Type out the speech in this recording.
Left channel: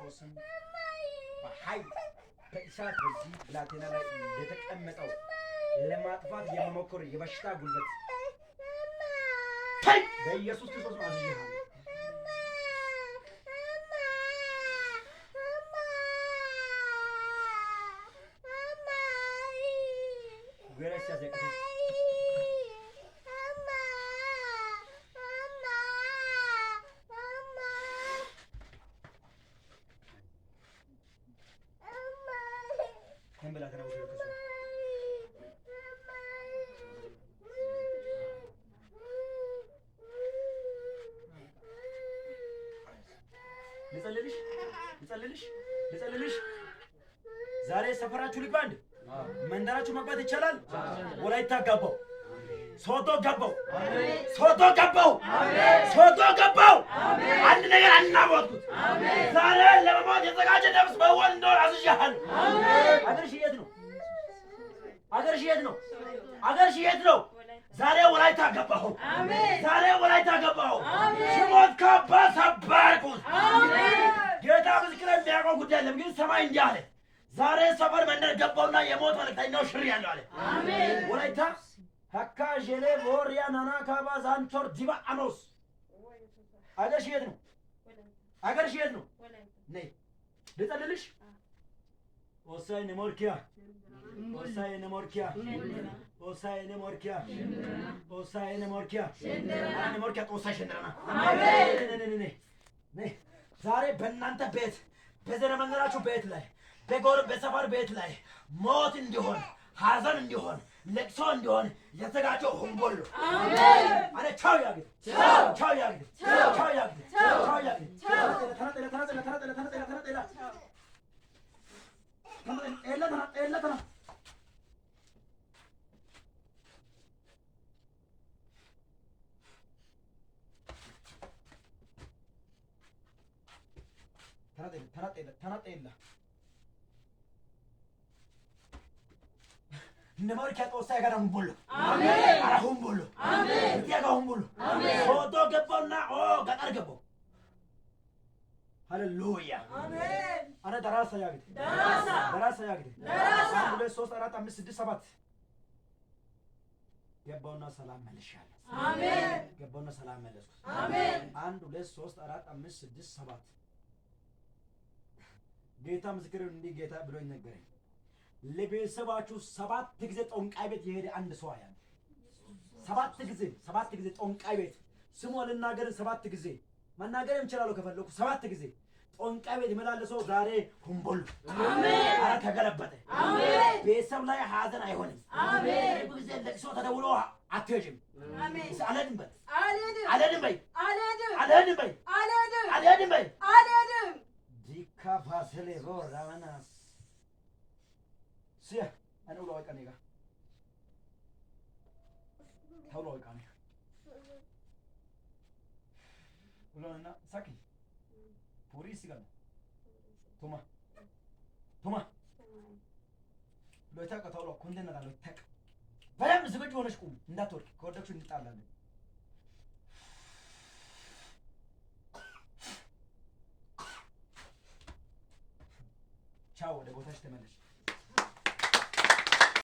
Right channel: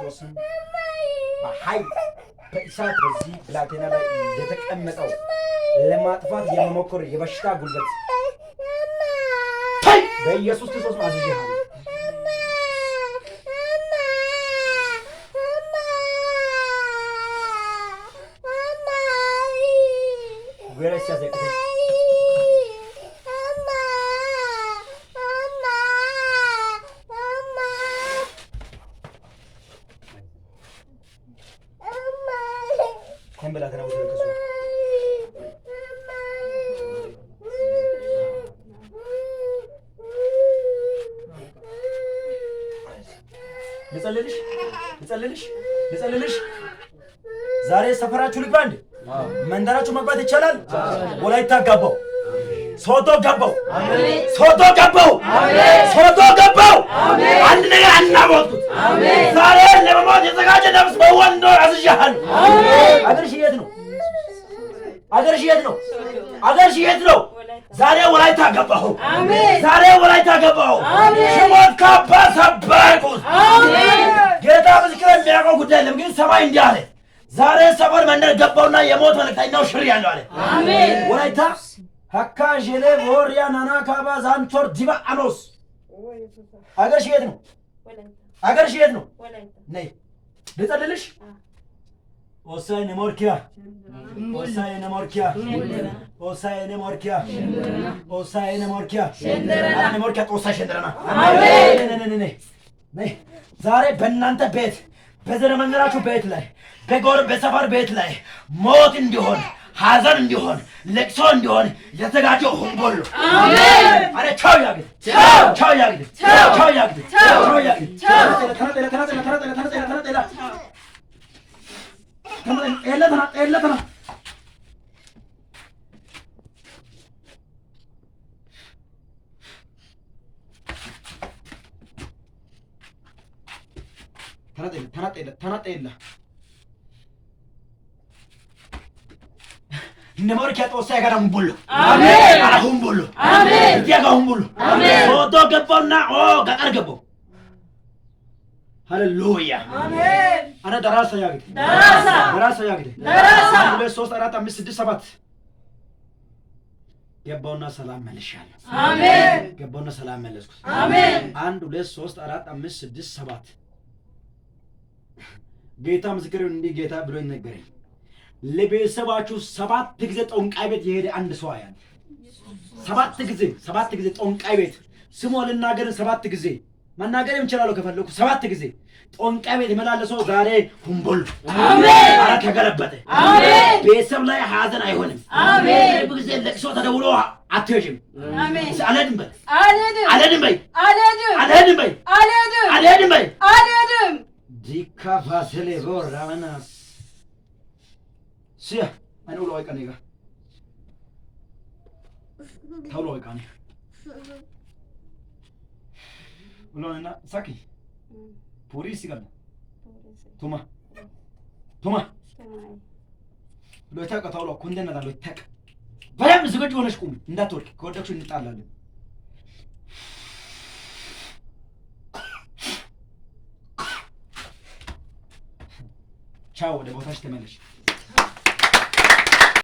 ክርስቶስን በኃይል በእሳት በዚህ ብላቴና ላይ እንደተቀመጠው ለማጥፋት የሚሞክር የበሽታ ጉልበት በኢየሱስ ክርስቶስ አዝዤሃለሁ። ልጸልልሽ ዛሬ ሰፈራችሁ ልግባ እንዴ? መንደራችሁ መግባት ይቻላል? ወላይታ ገባው፣ ሶዶ ገባው፣ ሶዶ ገባው፣ ሶዶ ገባው። አንድ ነገር አናወጡት። ዛሬ ለመሞት የተዘጋጀ ነፍስ በወንዶ አዝዣለሁ። አገርሽ የት ነው? አገርሽ የት ነው? አገርሽ የት ነው? ዛሬ ወላይታ ገባሁ። ዛሬ ወላይታ ገባሁ። ሽሞት ካባ ሰበርኩት። ጌታ ምስክር የሚያውቀው ጉዳይ የለም፣ ግን ሰማይ እንዲህ አለ። ዛሬ ሰፈር መንደር ገባውና የሞት መልእክተኛው ሽር ያለው አለ። ወላይታ ሀካ ዤሌ ቦሪያ ናና ካባ ዛንቶር ዲባ አኖስ። አገርሽ የት ነው? አገርሽ የት ነው? ነይ ልጸልልሽ። ኦሳይነ ሞርኪያ ኦሳይነ ሞርኪያ ኦሳይነ ሞርኪያ ኦሳይነ ሞርኪያ አነ ሞርኪያ ጦሳይ ሸንደረና አሜን። ነይ ዛሬ በእናንተ ቤት በዘመናችሁ ቤት ላይ በሰፈር ቤት ላይ ሞት እንዲሆን ሐዘን እንዲሆን ለቅሶ እንዲሆን የተዘጋጀው ሁሉ አሜን። አረ ቻው ያግድ ቻው ያግድ ቻው ያግድ ቻው ያግድ ኤለተና ተናጠላ ነሞርኪያ ጦሳ ጋር ሁምቡሉ አሜን። አራ ሁምቡሉ አሜን። እዚያ ጋር ሁምቡሉ አሜን። ሶዶ ገባውና ገጠር ገባው። ሃሌሉያ አሜን። አረ ደራሳ ያግድ ደራሳ ያግድ 1 2 3 4 5 6 7 ገባውና ሰላም መልሻለሁ። አሜን። ገባውና ሰላም መለስኩ። አሜን። 1 2 3 4 5 6 7 ጌታ ምስክር እንዲህ ጌታ ብሎ ይነገረኝ። ለቤተሰባችሁ 7 ጊዜ ጦንቃይ ቤት የሄደ አንድ ሰው ያለ 7 ጊዜ ጦንቃይ ቤት ስሙ ልናገር 7 ጊዜ መናገር የምችላለው ከፈለኩ 7 ጊዜ ጦንቃይ ቤት የመላለሰው ዛሬ ሁምቡል አሜን። አረ ተገለበጠ አሜን። ቤተሰብ ላይ ሐዘን አይሆንም አሜን። ብዙ ጊዜ ለቅሶ ተደውሎ አትሄጂም አሜን። አልሄድም በይ አልሄድም በይ አልሄድም በይ አልሄድም በይ አልሄድም ዲካ ቫሰሌ ቦራናስ ሲያ አኑ ሎይ ቀኔጋ ታው ሎይ ቀኔ ብሎና ሳኪ ፖሊስ ይቀርብ ቱማ ሎይታ ቀታው ሎ ኮንደና ዳሎ ይታቅ በደም ዝግጁ ሆነሽ ቁሚ፣ እንዳትወርቂ። ከወደቅሽ እንጣላለን። ቻው፣ ወደ ቦታሽ ተመለሽ።